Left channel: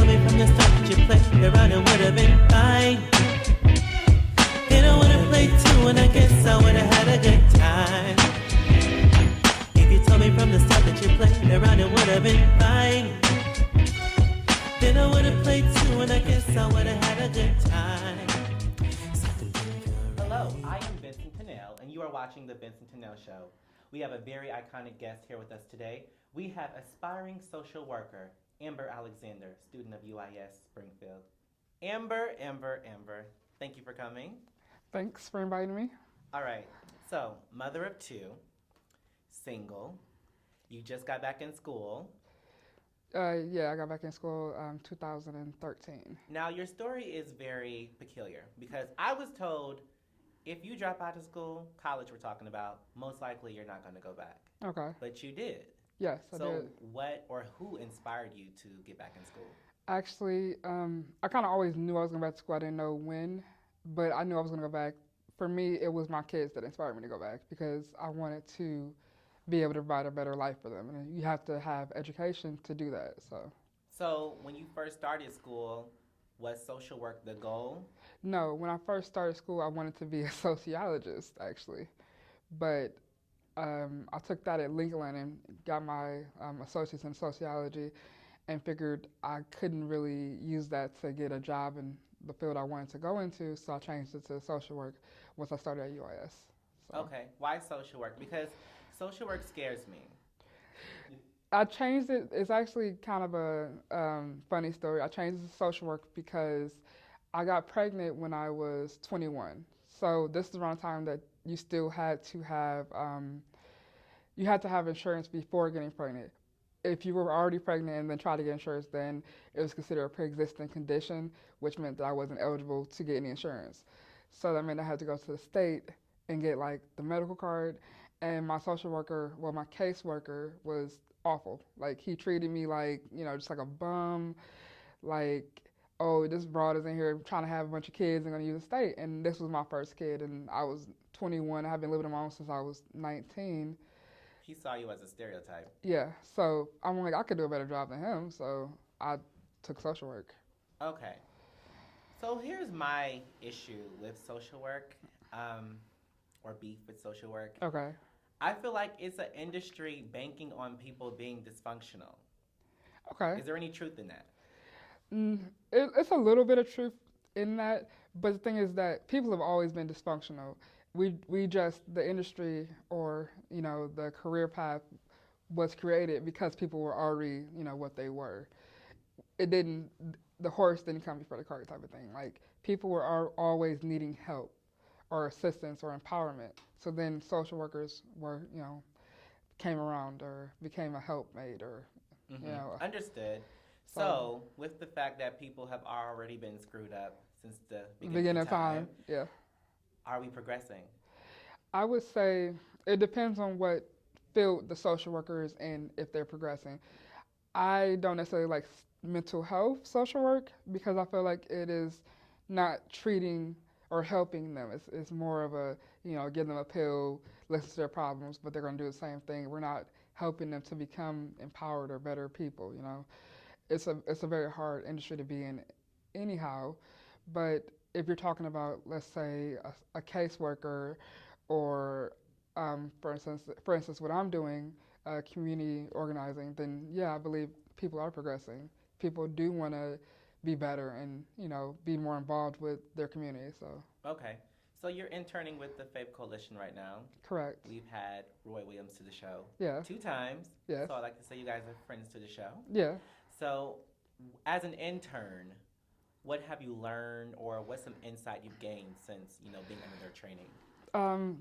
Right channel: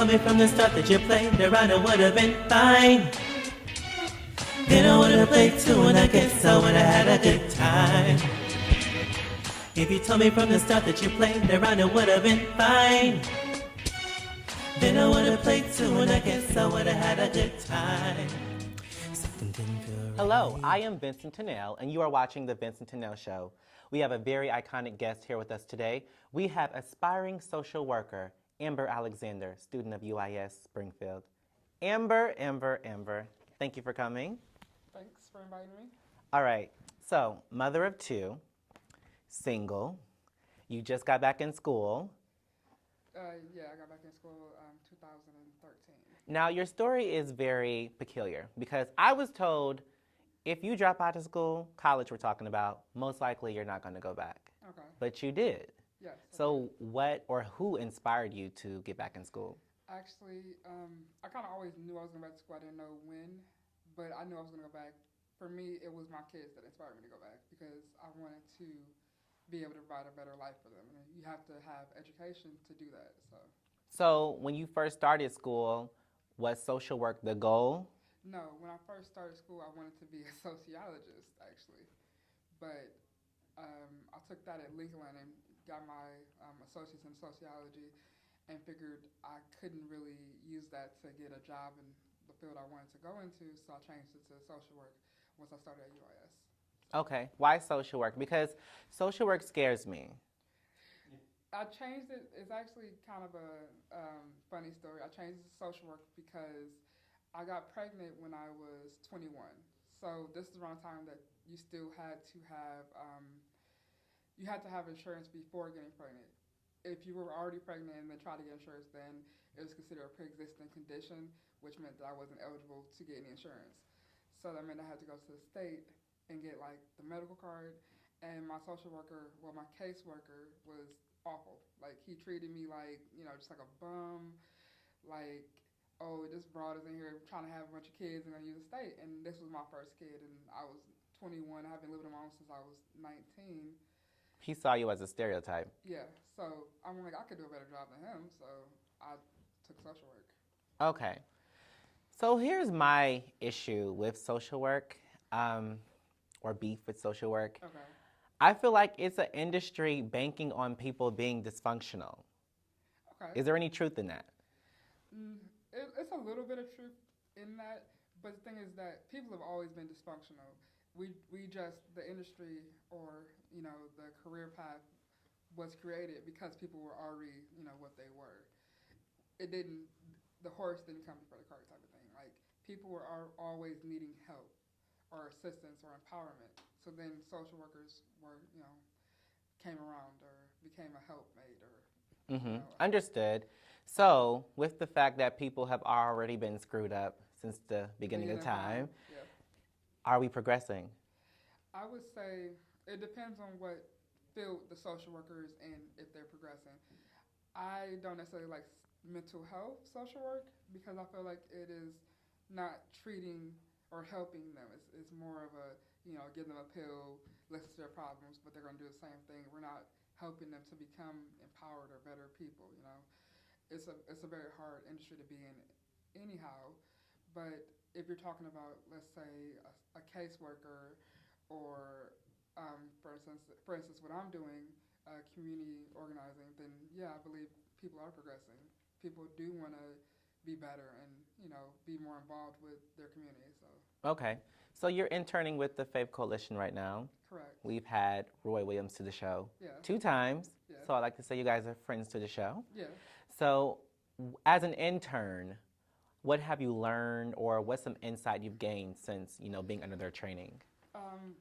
told me from the start that you played around, it would have been fine. Then I would have played too, and I guess I would have had a good time. If you told me from the start that you played around, it would have been fine. Then I would have played too, and I guess I would have had a good time. Something didn't feel right. Hello, I am Vincent-Tennell, and you are watching The Vincent-Tennell Show. We have a very iconic guest here with us today. We have aspiring social worker, Amber Alexander, student of UIS Springfield. Amber, thank you for coming. Thanks for inviting me. All right, so mother of two, single, you just got back in school. Yeah, I got back in school 2013. Now, your story is very peculiar because I was told if you drop out of school, college we're talking about, most likely you're not going to go back. Okay. But you did. Yes, I So did. what or who inspired you to get back in school? Actually, I kind of always knew I was going back to school. I didn't know when, but I knew I was going to go back. For me, it was my kids that inspired me to go back because I wanted to be able to provide a better life for them. And you have to have education to do that. So when you first started school, was social work the goal? No, when I first started school, I wanted to be a sociologist, actually. But I took that at Lincoln and got my associates in sociology and figured I couldn't really use that to get a job in the field I wanted to go into, so I changed it to social work once I started at UIS. So. Okay, why social work? Because social work scares me. I changed it. It's actually kind of a funny story. I changed it to social work because I got pregnant when I was 21. So this is around the time that you still had to have insurance before getting pregnant. If you were already pregnant and then tried to get insurance, then it was considered a pre-existing condition, which meant that I wasn't eligible to get any insurance. So that meant I had to go to the state and get like the medical card. And my social worker, well, my caseworker was awful. Like he treated me like, just like a bum, like, oh, this broad is in here trying to have a bunch of kids and going to use the state. And this was my first kid, and I was 21. I have been living on my own since I was 19. He saw you as a stereotype. Yeah, so I'm like, I could do a better job than him, so I took social work. Okay. So here's my issue with social work, or beef with social work. Okay. I feel like it's an industry banking on people being dysfunctional. Okay. Is there any truth in that? It's a little bit of truth in that, but the thing is that people have always been dysfunctional. We just, the industry or, the career path was created because people were already, what they were. The horse didn't come before the cart type of thing. Like, people were always needing help or assistance or empowerment. So then social workers were, came around or became a helpmate or, Understood. So, with the fact that people have already been screwed up since the beginning of time, yeah. Are we progressing? I would say it depends on what field the social worker is in, if they're progressing. I don't necessarily like mental health social work because I feel like it is not treating or helping them. It's more of a, give them a pill, listen to their problems, but they're going to do the same thing. We're not helping them to become empowered or better people, It's a very hard industry to be in anyhow, but if you're talking about, let's say, a caseworker or, for instance, what I'm doing, community organizing, then yeah, I believe people are progressing. People do want to be better and, be more involved with their community. So. Okay. So you're interning with the Faith Coalition right now. Correct. We've had Roy Williams to the show 2 times. Yeah. So I like to say you guys are friends to the show. Yeah. So as an intern, what have you learned or what's some insight you've gained since, being under their training?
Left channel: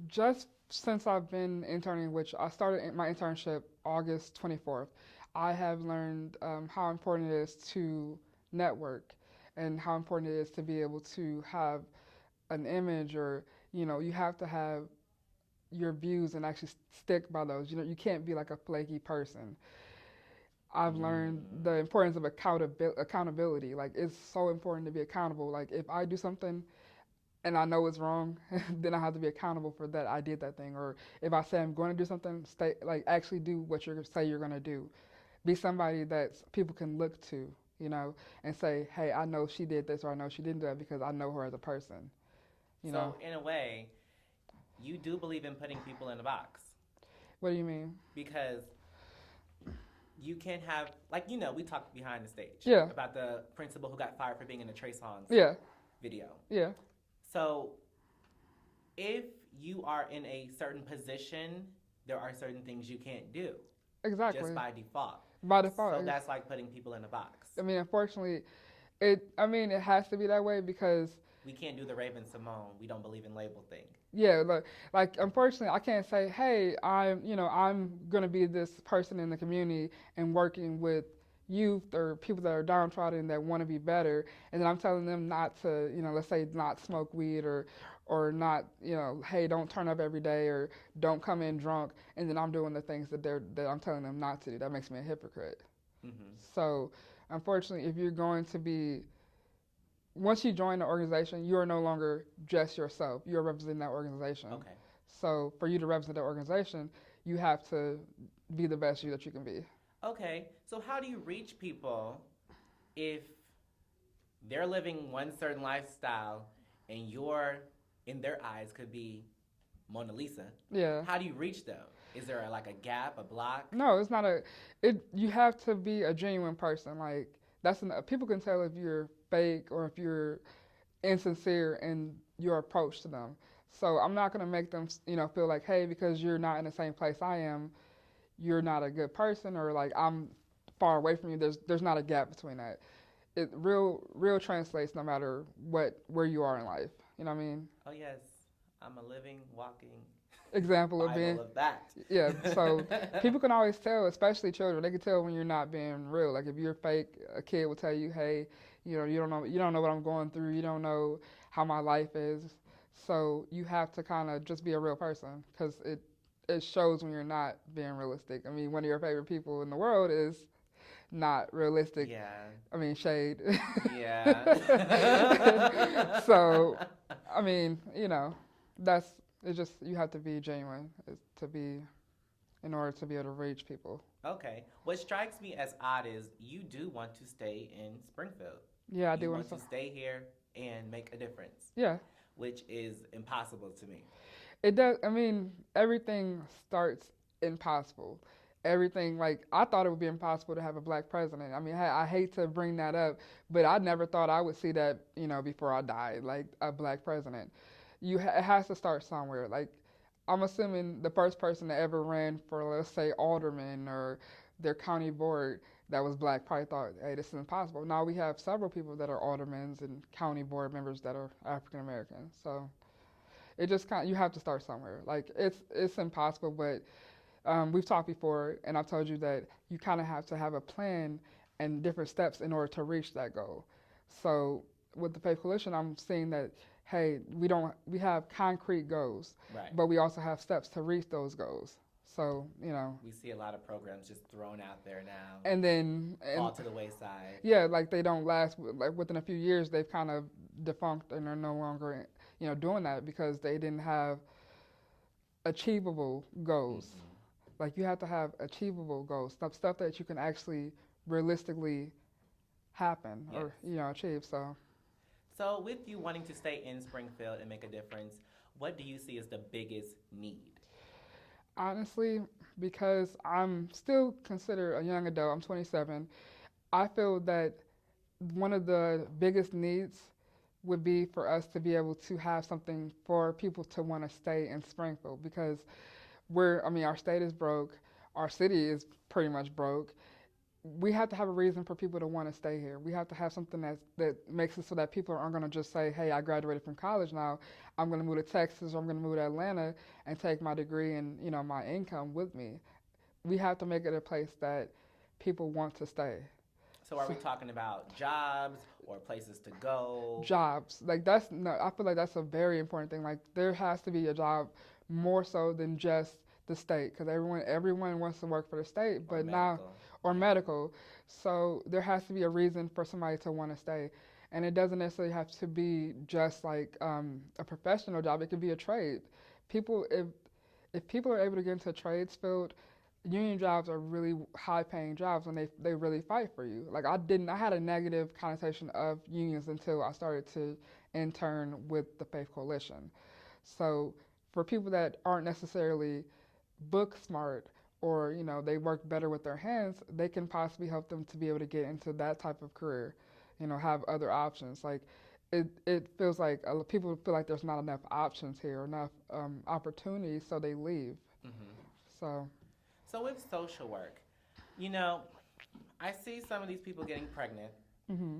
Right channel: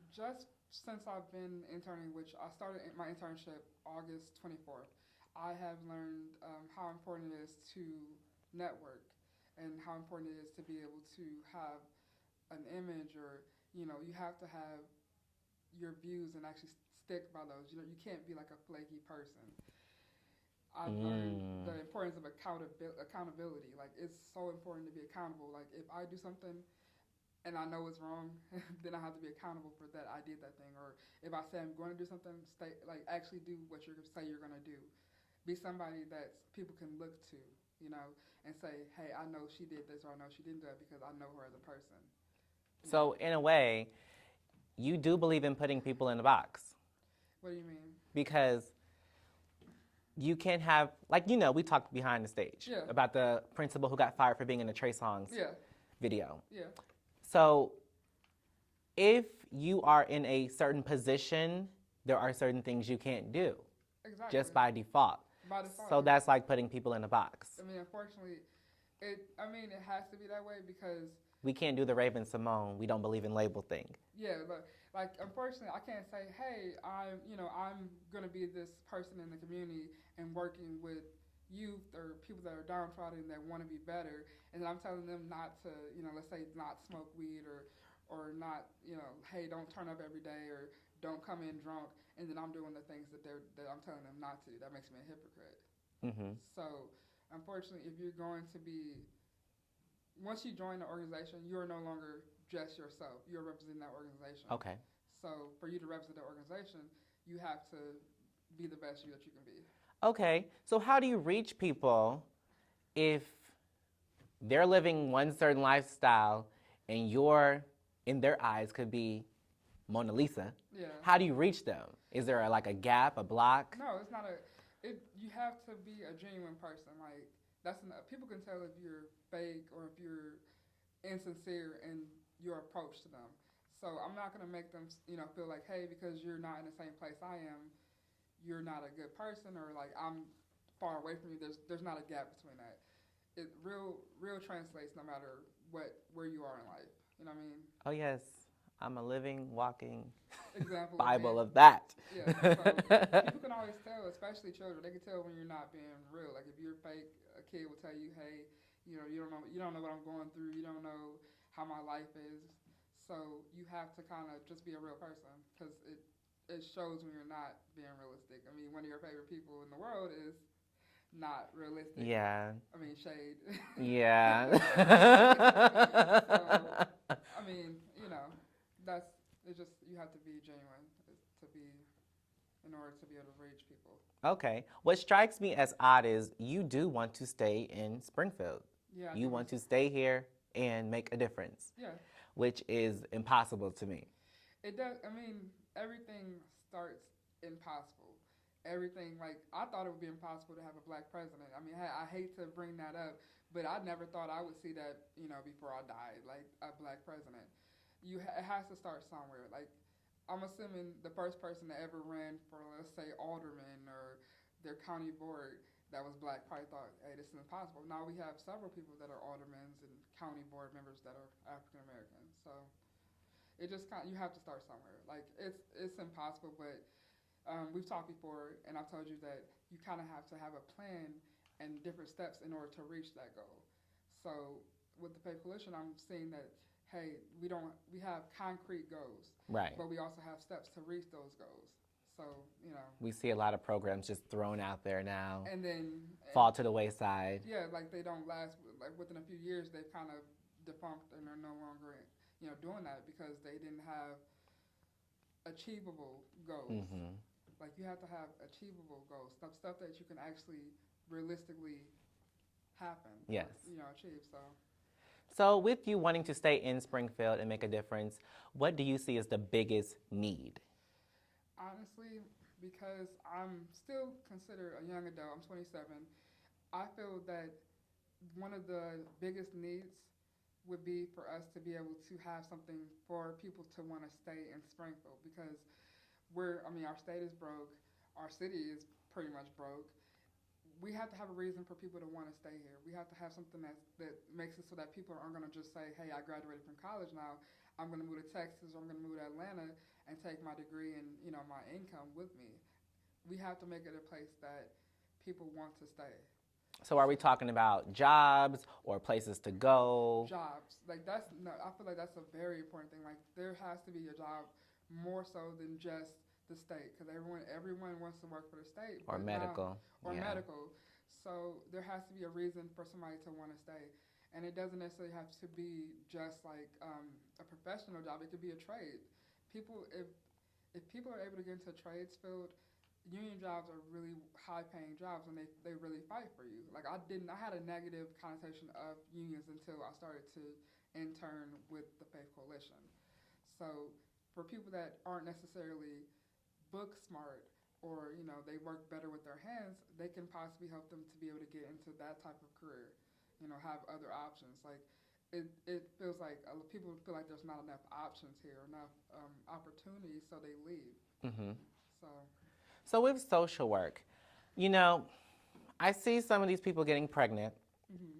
Just since I've been interning, which I started my internship August 24th, I have learned how important it is to network and how important it is to be able to have an image or, you have to have your views and actually stick by those. You can't be like a flaky person. I've learned the importance of accountability. Like, it's so important to be accountable. Like, if I do something and I know it's wrong, then I have to be accountable for that I did that thing. Or if I say I'm going to do something, actually do what you say you're going to do. Be somebody that people can look to, and say, hey, I know she did this or I know she didn't do that because I know her as a person. You So know? in a way, you do believe in putting people in a box What do you mean? because you can't have, like, we talked behind the stage Yeah. about the principal who got fired for being in the Trey Songz Yeah, video. yeah, So if you are in a certain position, there are certain things you can't do exactly. just by default. By default. So that's like putting people in a box. I mean, unfortunately, it has to be that way because We can't do the Raven Simone, we don't believe in label thing. yeah, like unfortunately, I can't say, hey, I'm gonna be this person in the community and working with youth or people that are downtrodden that want to be better, and then I'm telling them not to, let's say not smoke weed or not, hey, don't turn up every day or don't come in drunk, and then I'm doing the things that I'm telling them not to do. That makes me a hypocrite. Mm-hmm. So, unfortunately, if you're going to be once you join the organization, you are no longer just yourself. You're representing that organization. Okay. So for you to represent the organization, you have to be the best you that you can be. Okay. So how do you reach people if they're living one certain lifestyle and you're, in their eyes, could be Mona Lisa? Yeah. How do you reach them? Is there like a gap, a block? No, it's not you have to be a genuine person. Like people can tell if you're fake or if you're insincere in your approach to them. So I'm not going to make them, feel like, hey, because you're not in the same place I am, you're not a good person, or like I'm far away from you. There's not a gap between that. It real translates no matter where you are in life. You know what I mean? Oh yes, I'm a living, walking Example of being Bible of that. yeah. So people can always tell, especially children. They can tell when you're not being real. Like if you're fake, a kid will tell you, hey, you don't know what I'm going through. You don't know how my life is. So you have to kind of just be a real person because it shows when you're not being realistic. I mean, one of your favorite people in the world is not realistic. Yeah. I mean, Shade. Yeah. So, I mean, it's just you have to be genuine in order to be able to reach people. Okay. What strikes me as odd is you do want to stay in Springfield. Yeah, I do You want to stay here and make a difference. Yeah. Which is impossible to me. It does. I mean, everything starts impossible. Everything, like, I thought it would be impossible to have a black president. I mean, I hate to bring that up, but I never thought I would see that, before I died, like a black president. It has to start somewhere. Like, I'm assuming the first person that ever ran for, let's say, alderman or their county board that was black probably thought, hey, this is impossible. Now we have several people that are aldermans and county board members that are African American. So it just you have to start somewhere. Like it's impossible, but we've talked before, and I've told you that you kind of have to have a plan and different steps in order to reach that goal. So with the Faith Coalition, I'm seeing that, hey, we have concrete goals, Right. but we also have steps to reach those goals. So, We see a lot of programs just thrown out there now. and then fall to the wayside. yeah, like they don't last. Like within a few years, they've kind of defunct and are no longer, doing that because they didn't have achievable goals. Mm-hmm. Like you have to have achievable goals, stuff that you can actually realistically happen Yes. or achieve. So with you wanting to stay in Springfield and make a difference, what do you see as the biggest need? Honestly, because I'm still considered a young adult, I'm 27, I feel that one of the biggest needs would be for us to be able to have something for people to want to stay in Springfield because our state is broke, our city is pretty much broke. We have to have a reason for people to want to stay here. We have to have something that makes it so that people aren't going to just say, hey, I graduated from college now, I'm going to move to Texas or I'm going to move to Atlanta and take my degree and my income with me. We have to make it a place that people want to stay. So are we talking about jobs or places to go? Jobs. I feel like that's a very important thing. Like there has to be a job more so than just the state because everyone wants to work for the state, but medical. So there has to be a reason for somebody to want to stay. And it doesn't necessarily have to be just like a professional job. It could be a trade. If people are able to get into a trades field, union jobs are really high paying jobs and they really fight for you. Like I had a negative connotation of unions until I started to intern with the Faith Coalition. So for people that aren't necessarily book smart or, they work better with their hands, they can possibly help them to be able to get into that type of career, have other options. Like it feels like people feel like there's not enough options here, enough opportunities, so they leave. Hmm. So So with social work, I see some of these people getting pregnant. hmm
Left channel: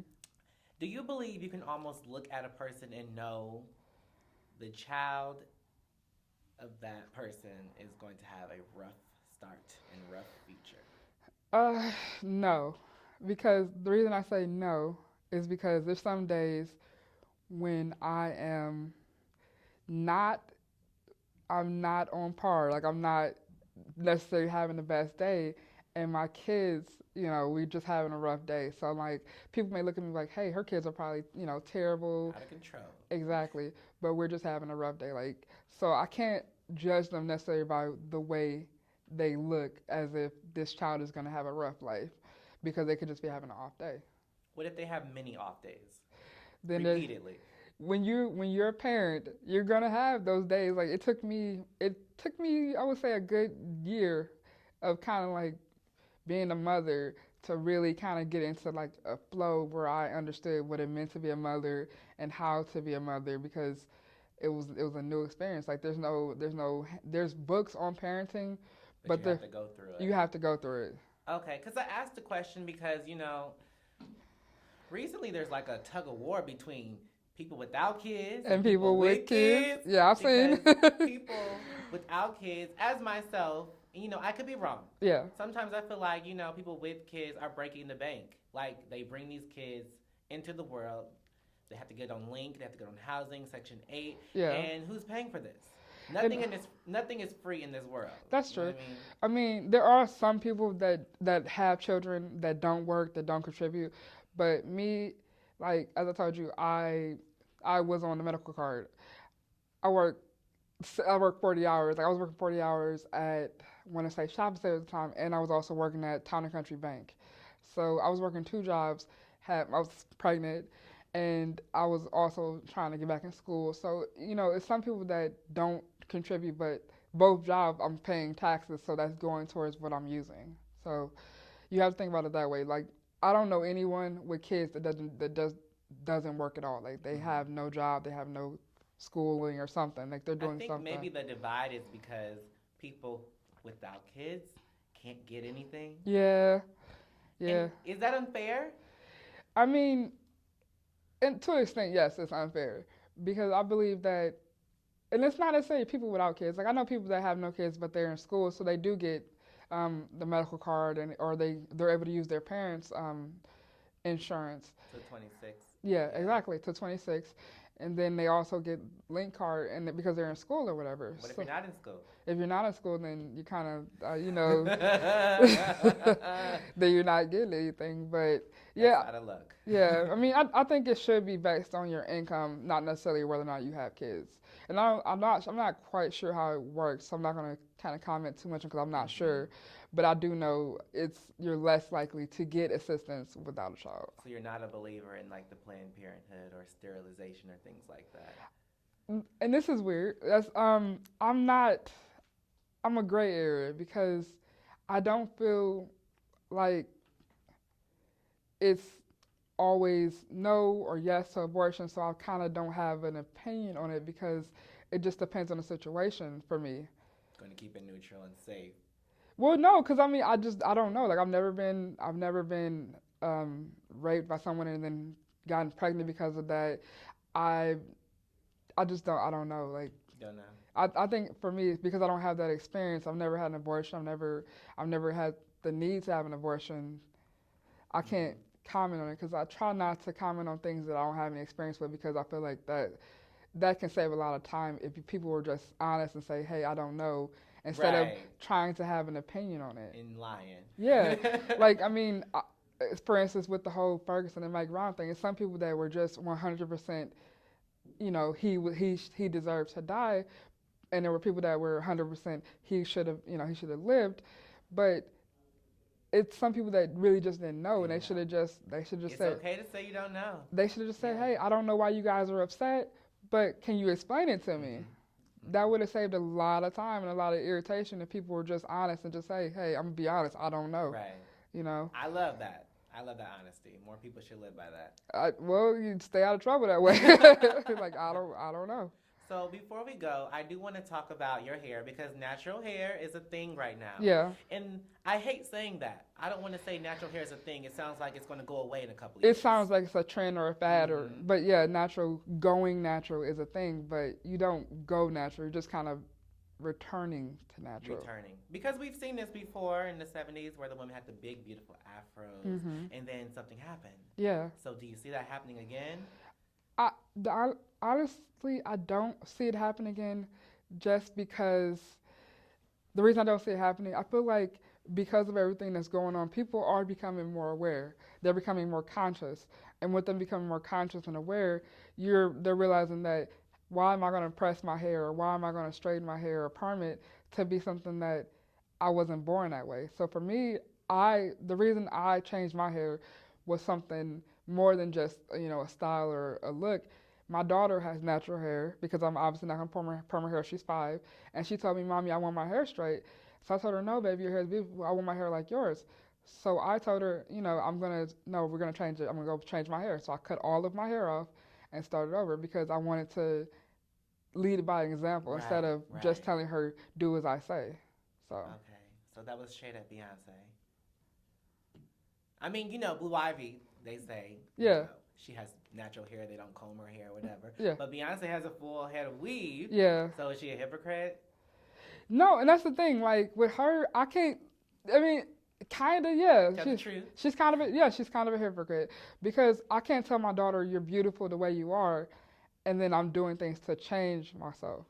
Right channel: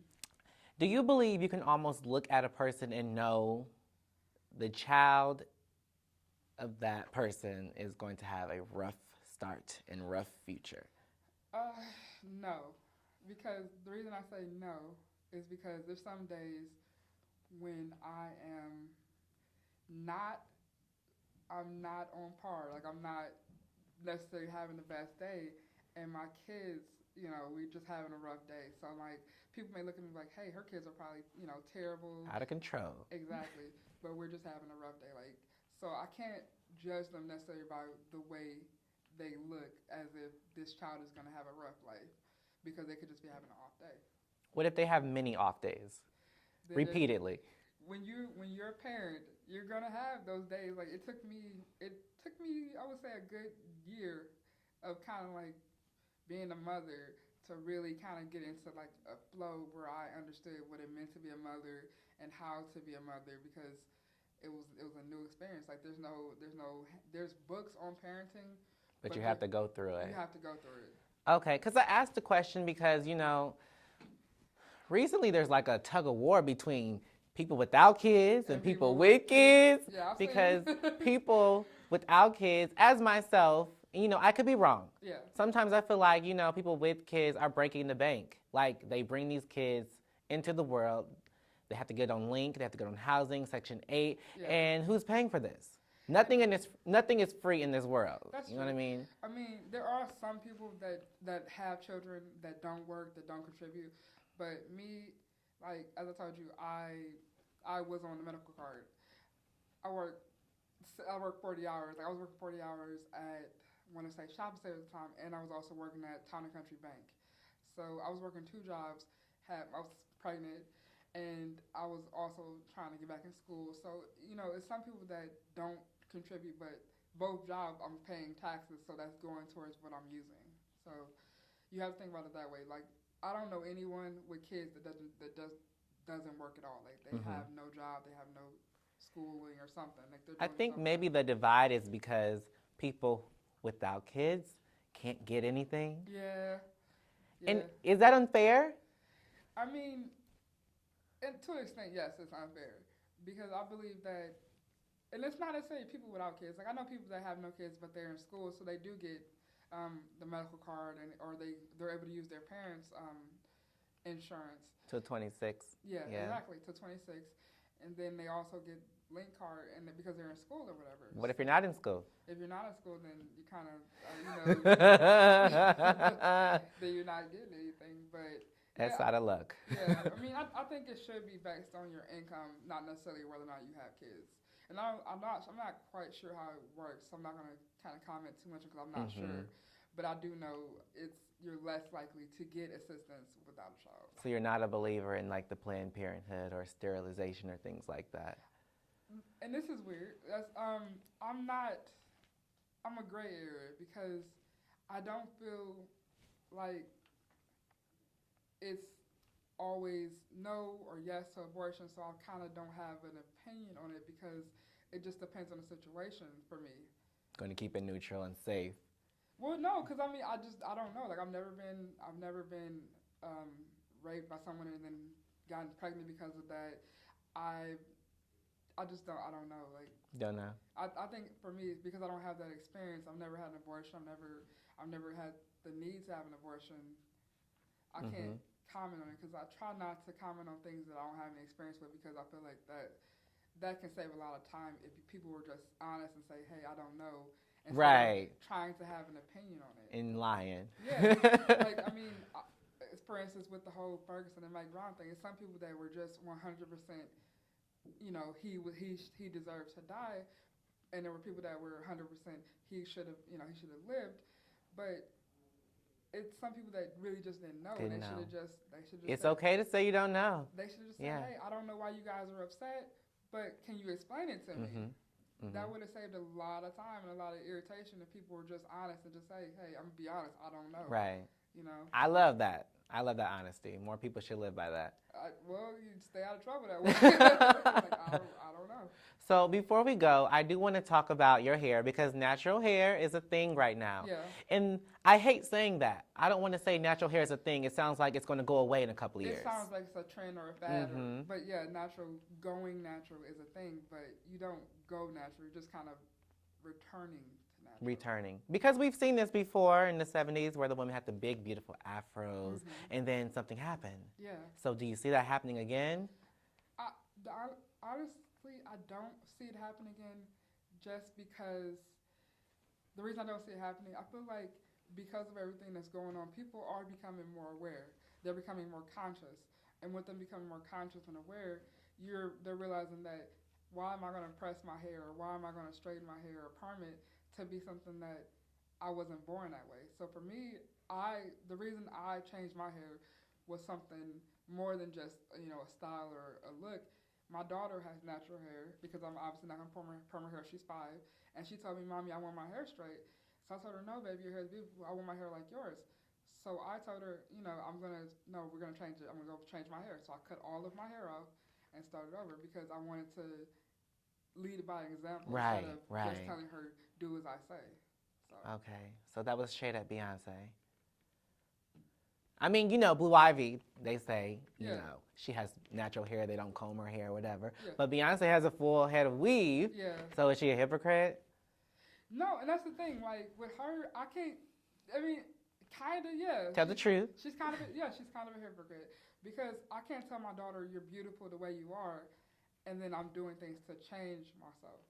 Do you believe you can almost look at a person and know the child of that person is going to have a rough start and rough future? Uh, no, because the reason I say no is because there's some days when not, I'm not on par. Like I'm not necessarily having the best day, and my kids, we just having a rough day. So like, people may look at me like, hey, her kids are probably, terrible. Out of control. Exactly, but we're just having a rough day. Like, so I can't judge them necessarily by the way they look as if this child is going to have a rough life because they could just be having an off day. What if they have many off days Then repeatedly? when you're a parent, you're going to have those days. Like it took me I would say a good year of kind of like being a mother to really kind of get into like a flow where I understood what it meant to be a mother and how to be a mother because it was a new experience. Like there's books on parenting, But you have to go through it. you have to go through it. Okay, because I asked the question because, recently there's like a tug of war between people without kids and people with kids. Yeah, I've seen. Because people without kids, as myself, I could be wrong. Yeah. Sometimes I feel like, people with kids are breaking the bank. Like they bring these kids into the world. They have to get on Link, they have to get on housing, Section 8. Yeah. And who's paying for this? Nothing is free in this world. That's You true. know what I mean? I mean, there are some people that have children that don't work, that don't contribute. But me, like as I told you, I was on the medical card. I work 40 hours. Like I was working 40 hours at I want to say shopping center at the time, and I was also working at Town and Country Bank. So I was working two jobs. I was pregnant, and I was also trying to get back in school. So it's some people that don't contribute, but both jobs I'm paying taxes, so that's going towards what I'm using. So you have to think about it that way. Like I don't know anyone with kids that doesn't work at all. Like they have no job, they have no schooling or something. Like they're doing I think something. maybe the divide is because people without kids can't get anything. Yeah. And is that unfair? I mean, and to an extent, yes, it's unfair because I believe that, and it's not necessarily people without kids. Like I know people that have no kids, but they're in school, so they do get the medical card, or they're able to use their parents' insurance. Till 26. Yeah, exactly, to 26, and then they also get Link card, and because they're in school or whatever. What if you're not in school? If you're not in school, then you kind of, then you're not getting anything. But yeah, That's out of luck. yeah. I mean, I think it should be based on your income, not necessarily whether or not you have kids. And I'm not quite sure how it works. So I'm not going to kind of comment too much because I'm not sure. But I do know you're less likely to get assistance without a child. So you're not a believer in like the Planned Parenthood or sterilization or things like that. And this is weird. I'm a gray area because I don't feel like it's always no or yes to abortion, so I kind of don't have an opinion on it because it just depends on the situation for me. Going to keep it neutral and safe. Well, no, because I mean, I don't know. Like I've never been raped by someone and then gotten pregnant because of that. I I don't know. Like Don't know. I think for me, because I don't have that experience, I've never had an abortion. I've never had the need to have an abortion. I can't comment on it because I try not to comment on things that I don't have any experience with because I feel like that can save a lot of time if people were just honest and say, hey, I don't know, instead of trying to have an opinion on it. And lying. Yeah. Like, I mean, for instance, with the whole Ferguson and Mike Brown thing, it's some people that were just 100%, he deserved to die. And there were people that were 100%, he should have lived. but it's some people that really just didn't know, and Didn't know. they should just It's said, okay to say you don't know. they should have just said, Yeah. hey, I don't know why you guys are upset, but can you explain it to me? That would have saved a lot of time and a lot of irritation if people were just honest and just say, hey, I'm gonna be honest, I don't know. Right. You know, I love that. I love that honesty. More people should live by that. well, you stay out of trouble that way. Like I don't know. So before we go, I do want to talk about your hair because natural hair is a thing right now. Yeah. And I hate saying that. I don't want to say natural hair is a thing. It sounds like it's going to go away in a couple of years. It sounds like it's a trend or a fad, but yeah, going natural is a thing, but you don't go natural. You're just kind of returning to natural. Returning. Because we've seen this before in the 70s where the women had the big, beautiful afros, and then something happened. Yeah. So do you see that happening again? Honestly, I don't see it happen again just because the reason I don't see it happening, I feel like because of everything that's going on, people are becoming more aware. They're becoming more conscious. And with them becoming more conscious and aware, they're realizing that why am I going to press my hair or why am I going to straighten my hair or perm it to be something that I wasn't born that way. So for me, the reason I changed my hair was something more than just, a style or a look. My daughter has natural hair because I'm obviously not going to perm her hair. She's 5. And she told me, Mommy, I want my hair straight. So I told her, no, baby, your hair is beautiful. I want my hair like yours. So I told her, we're going to change it. I'm going to go change my hair. So I cut all of my hair off and started over because I wanted to lead by example instead of just telling her, do as I say. So. Okay. So that was straight at Beyonce. I mean, Blue Ivy, they say, she has natural hair. They don't comb her hair or whatever. Yeah. But Beyonce has a full head of weave. Yeah. So is she a hypocrite? No, and that's the thing. Like with her, kind of, yeah. Tell the truth. She's kind of a hypocrite because I can't tell my daughter you're beautiful the way you are, and then I'm doing things to change myself.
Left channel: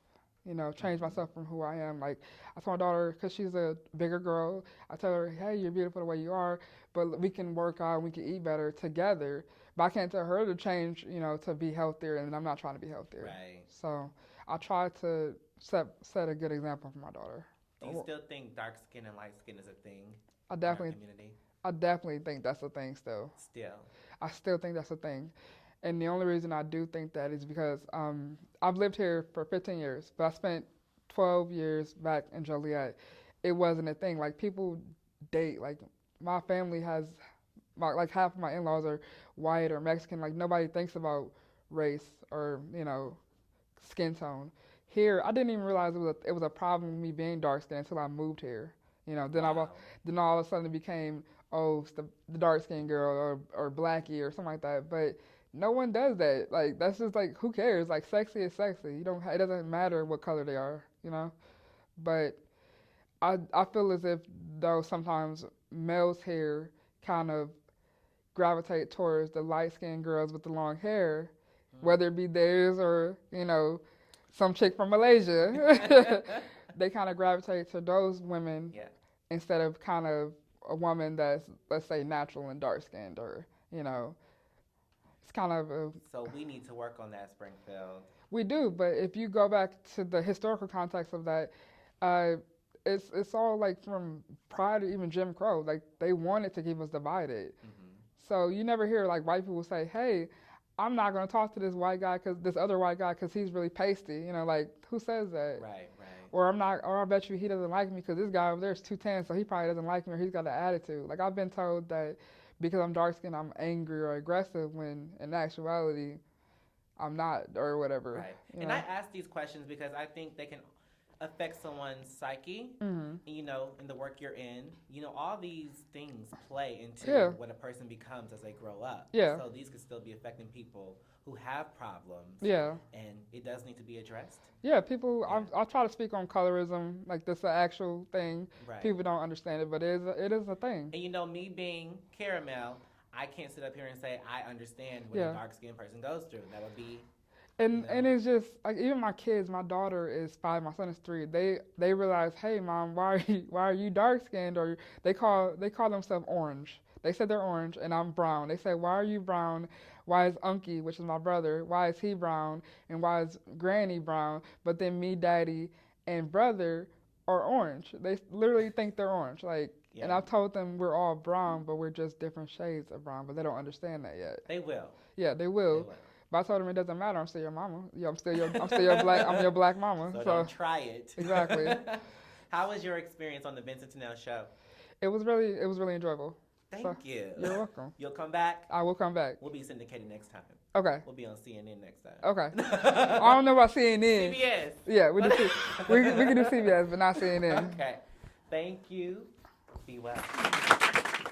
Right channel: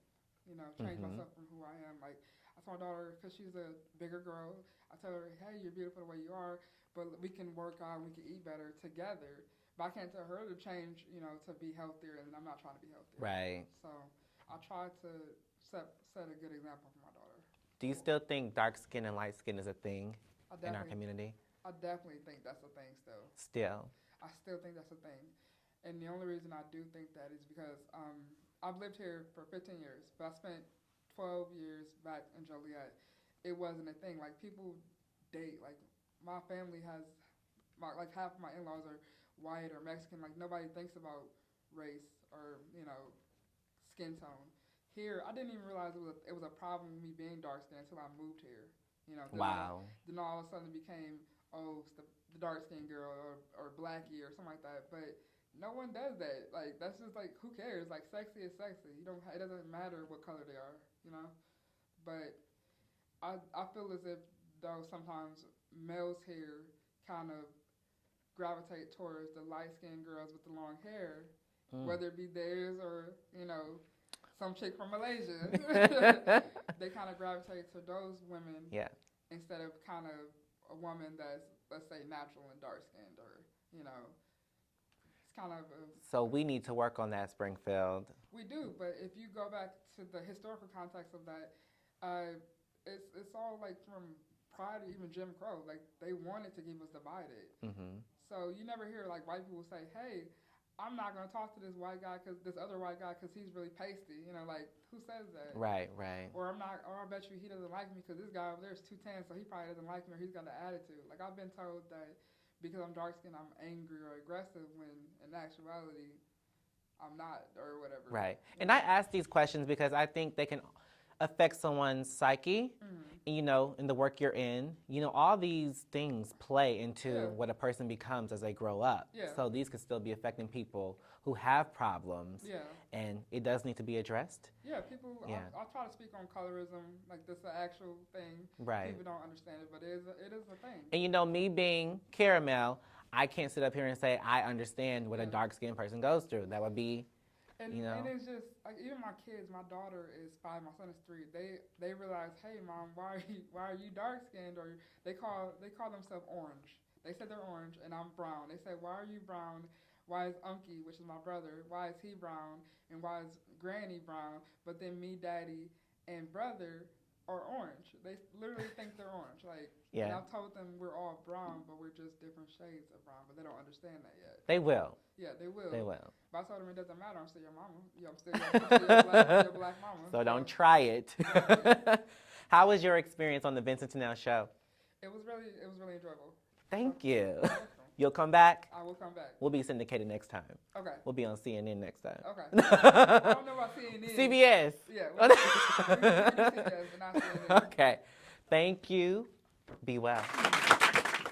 Change myself from who I am. Like I told my daughter, because she's a bigger girl, I tell her, hey, you're beautiful the way you are, but we can work out, we can eat better together. But I can't tell her to change, to be healthier, and I'm not trying to be healthier. Right. So I try to set a good example for my daughter. Do you still think dark skin and light skin is a thing in our community? I definitely think that's a thing still. Still? I still think that's a thing. And the only reason I do think that is because I've lived here for 15 years, but I spent 12 years back in Joliet. It wasn't a thing. Like, people date. Like, my family has, like, half of my in-laws are white or Mexican. Like, nobody thinks about race or, skin tone. Here, I didn't even realize it was a problem with me being dark-skinned until I moved here. Then then all of a sudden it became, it's the dark-skinned girl or blackie or something like that. But no one does that. Like, that's just like, who cares? Like, sexy is sexy. It doesn't matter what color they are, But I feel as if, though, sometimes males' hair kind of gravitate towards the light-skinned girls with the long hair, whether it be theirs or, some chick from Malaysia. They kind of gravitate to those women instead of kind of a woman that's, let's say, natural and dark-skinned or, it's kind of a... So we need to work on that, Springfield. We do, but if you go back to the historical context of that, it's all like from prior to even Jim Crow. Like, they wanted to keep us divided. So you never hear like white people say, hey, I'm not going to talk to this other white guy because he's really pasty. Like, who says that? Right. Or I bet you he doesn't like me because this guy over there is 210, so he probably doesn't like me or he's got an attitude. Like, I've been told that because I'm dark-skinned, I'm angry or aggressive when in actuality, I'm not or whatever. Right. And I ask these questions because I think they can affect someone's psyche, in the work you're in. All these things play into what a person becomes as they grow up. Yeah. So these could still be affecting people who have problems. Yeah. And it does need to be addressed. Yeah, people, I try to speak on colorism, like this is an actual thing. Right. People don't understand it, but it is a thing. And me being caramel, I can't sit up here and say I understand what a dark-skinned person goes through. That would be... And it's just like even my kids. My daughter is 5. My son is 3. They realize, hey, Mom, why are you dark skinned? Or they call themselves orange. They say they're orange, and I'm brown. They say, why are you brown? Why is Unky, which is my brother, why is he brown? And why is Granny brown? But then me, Daddy, and brother are orange. They literally think they're orange. Like, Yeah. and I've told them we're all brown, but we're just different shades of brown. But they don't understand that yet. They will. Yeah, they will. They will. But I told them it doesn't matter. I'm still your mama. Yeah, I'm still your black. I'm your black mama. So don't try it. Exactly. How was your experience on the Vincent-Tennell show? It was really enjoyable. Thank you. You're welcome. You'll come back? I will come back. We'll be syndicated next time. Okay. We'll be on CNN next time. Okay. I don't know about CNN. CBS. Yeah, we can do CBS, but not CNN. Okay. Thank you. Be well.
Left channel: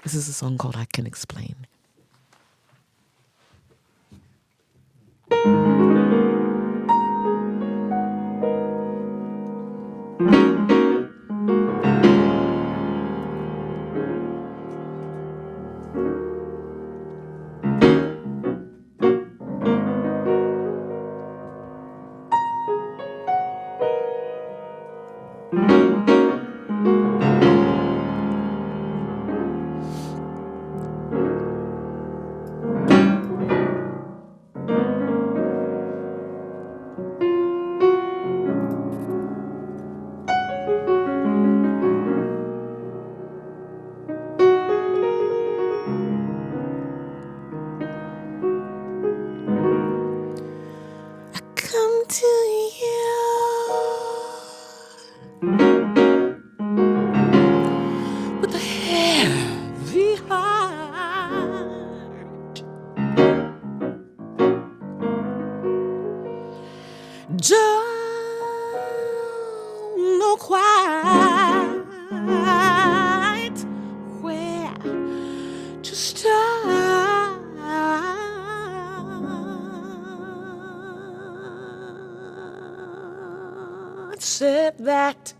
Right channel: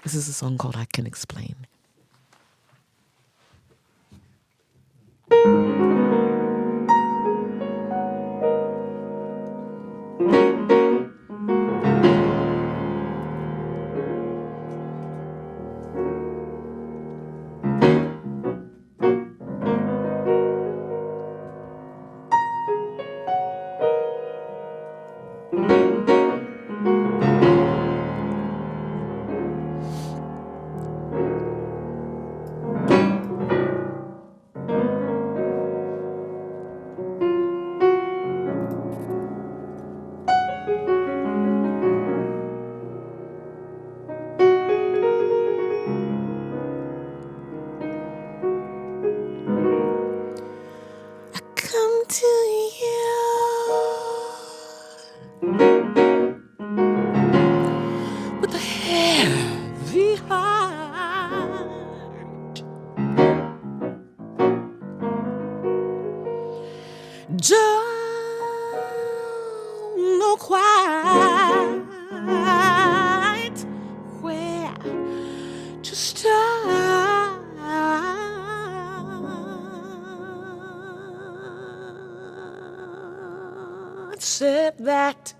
This is a song called I Can Explain. Come to you with a heavy heart. Don't know quite where to start. Said that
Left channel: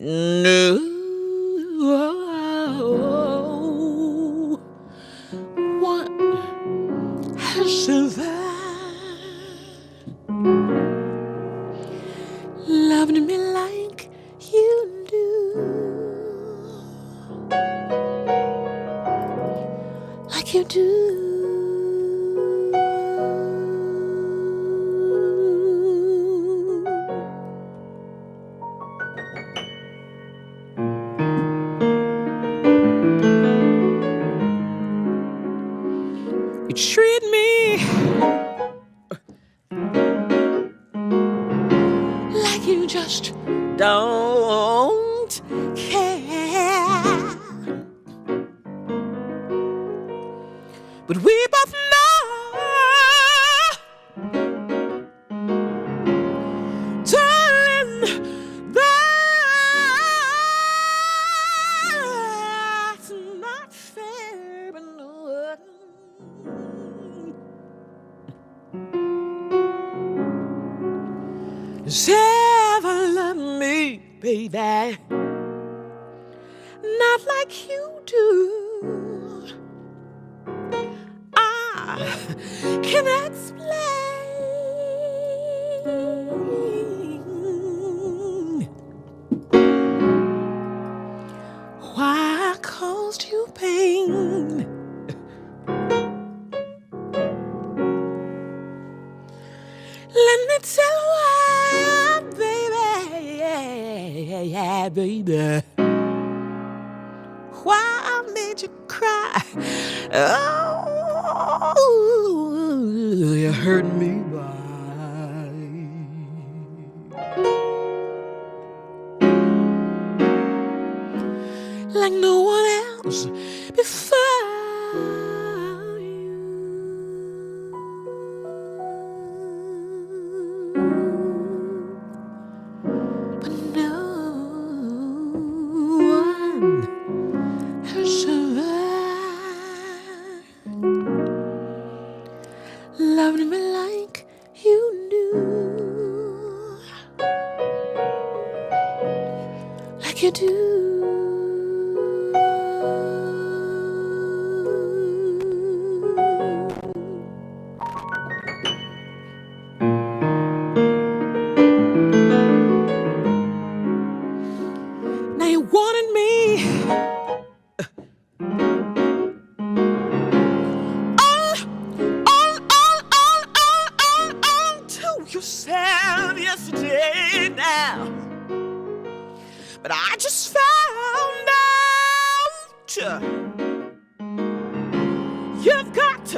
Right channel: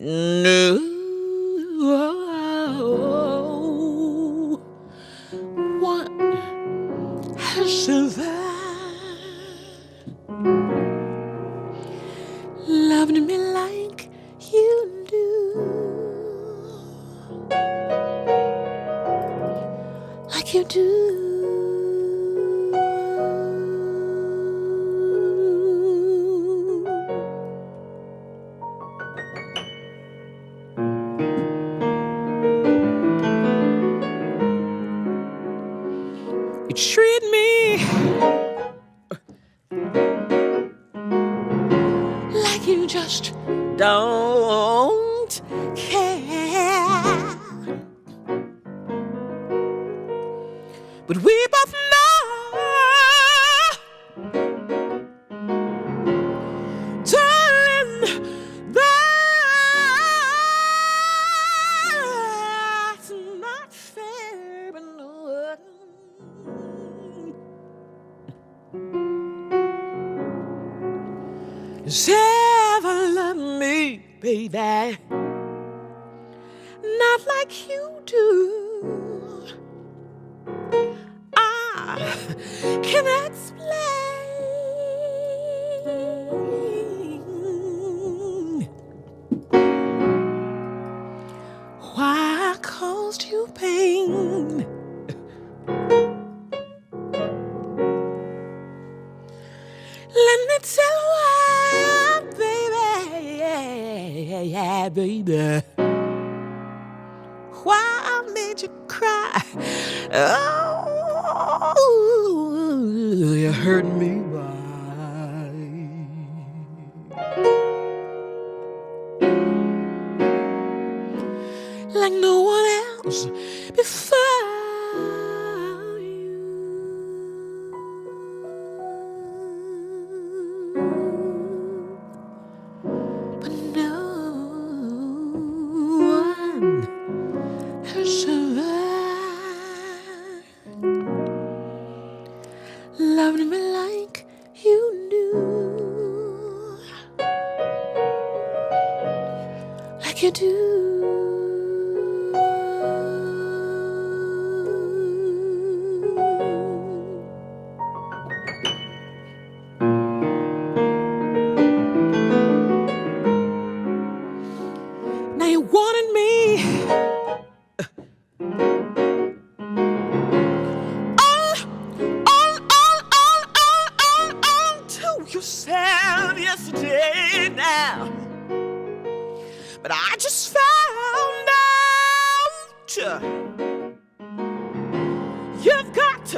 no one has survived, loved me like you do, like you do. You treat me like you just don't care. But we both know, darling, that's not fair, but no one has ever loved me, baby, not like you do. I can explain why I caused you pain. Let me tell you why, baby, yeah, baby, why I made you cry. Oh, you hurt me by like no one else before you. But no one has survived, loved me like you do, like you do. Now you wanted me on to yourself yesterday now. but I just found out you've got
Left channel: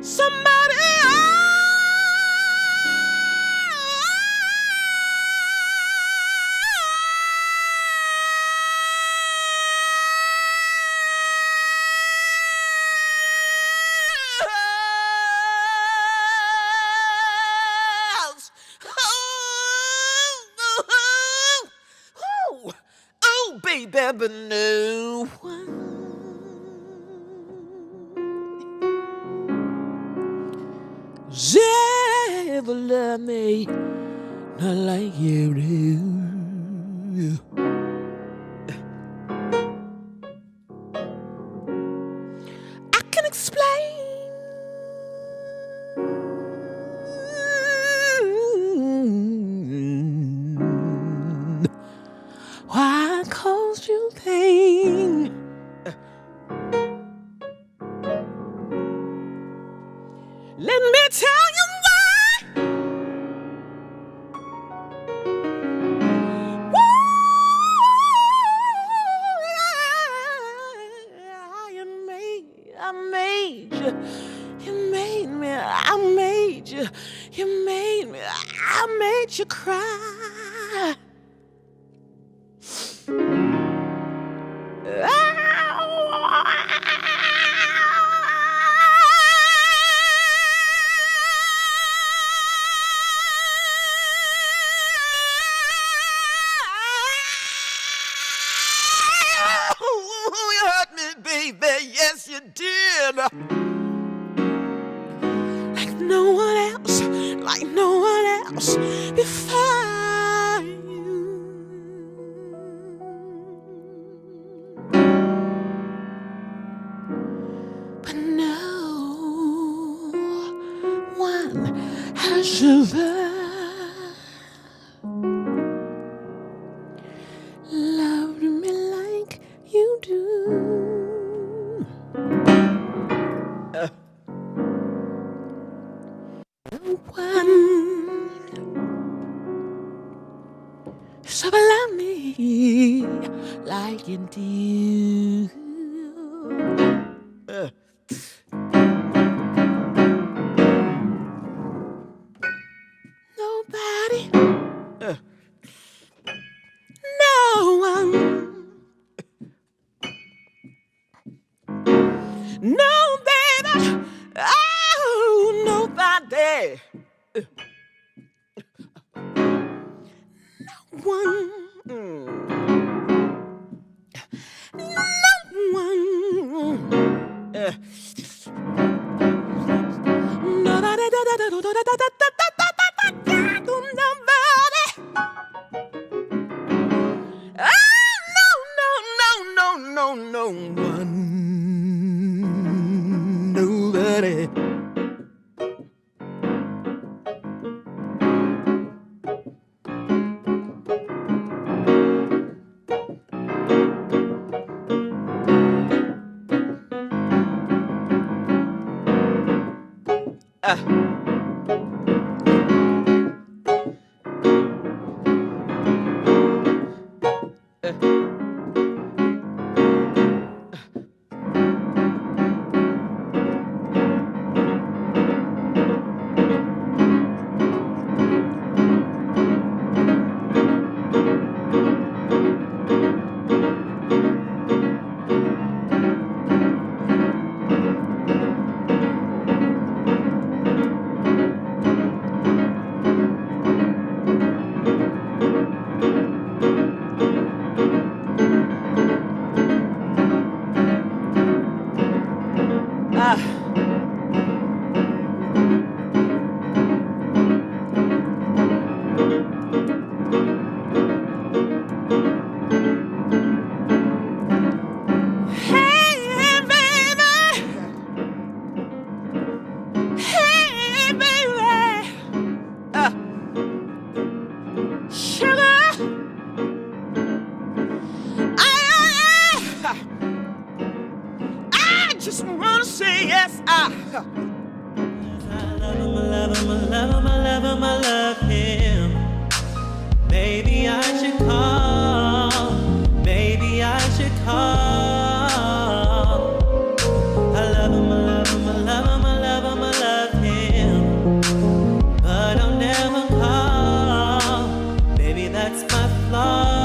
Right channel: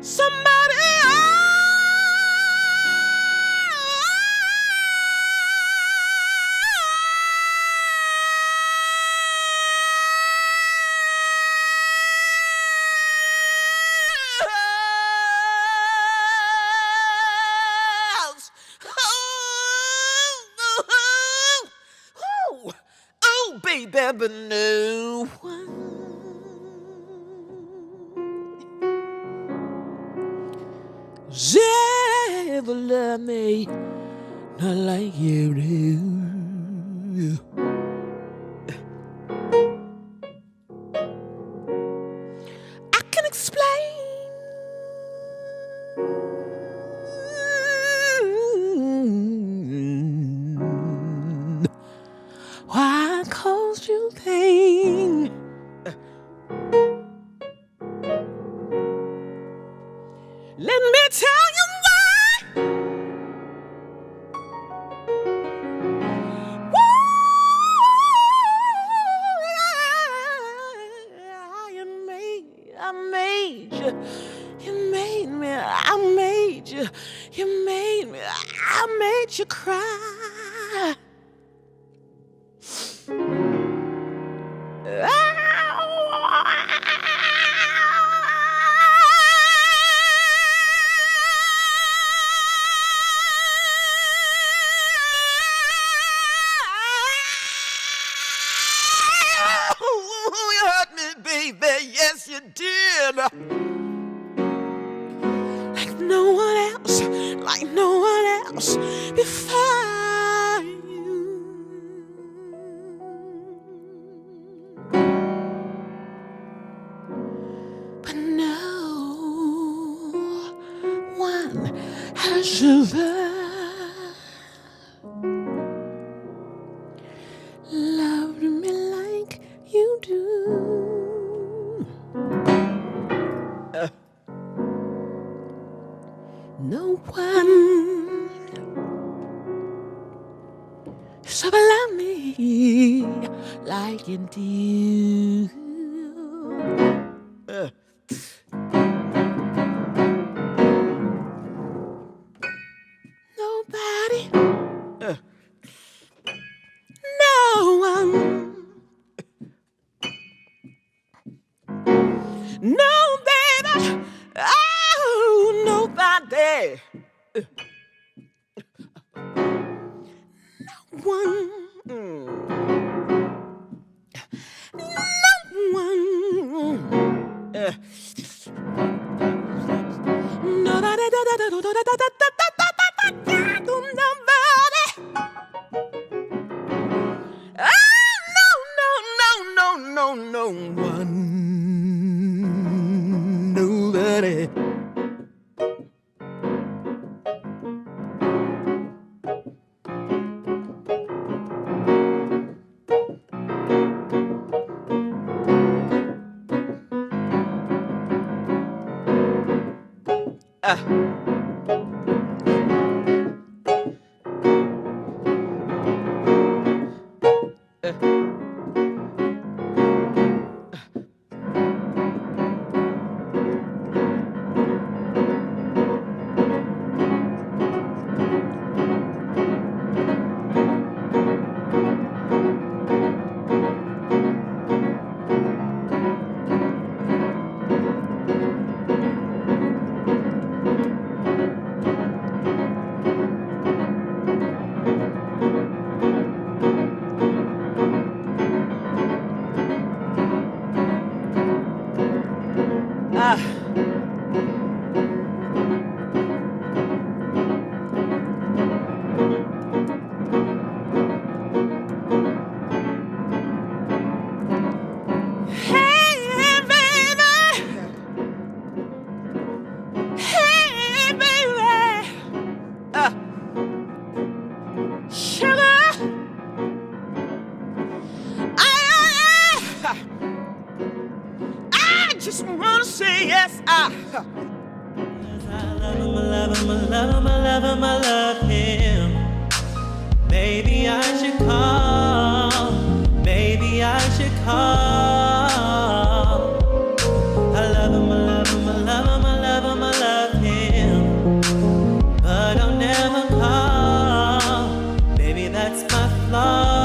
somebody else. Oh, baby, but no one ever loved me not like you do. I can explain why I caused you pain. Let me tell you why. I made you. You made me. I made you. You made me. I made you cry. You hurt me, baby. Yes, you did. Like no one else. Like no one else before you. But no one has ever loved me like you do. No one has ever loved me like you do. Nobody, no one, no baby, oh nobody, no one, no one, nobody, nobody. No one, nobody. Just wanna say yes, I love him, I love him, I love him, I love him, I love him. Maybe I should call call. I love him, I love him, I love him, I love him, I love him. But I'll never call. Baby, that's my flaw.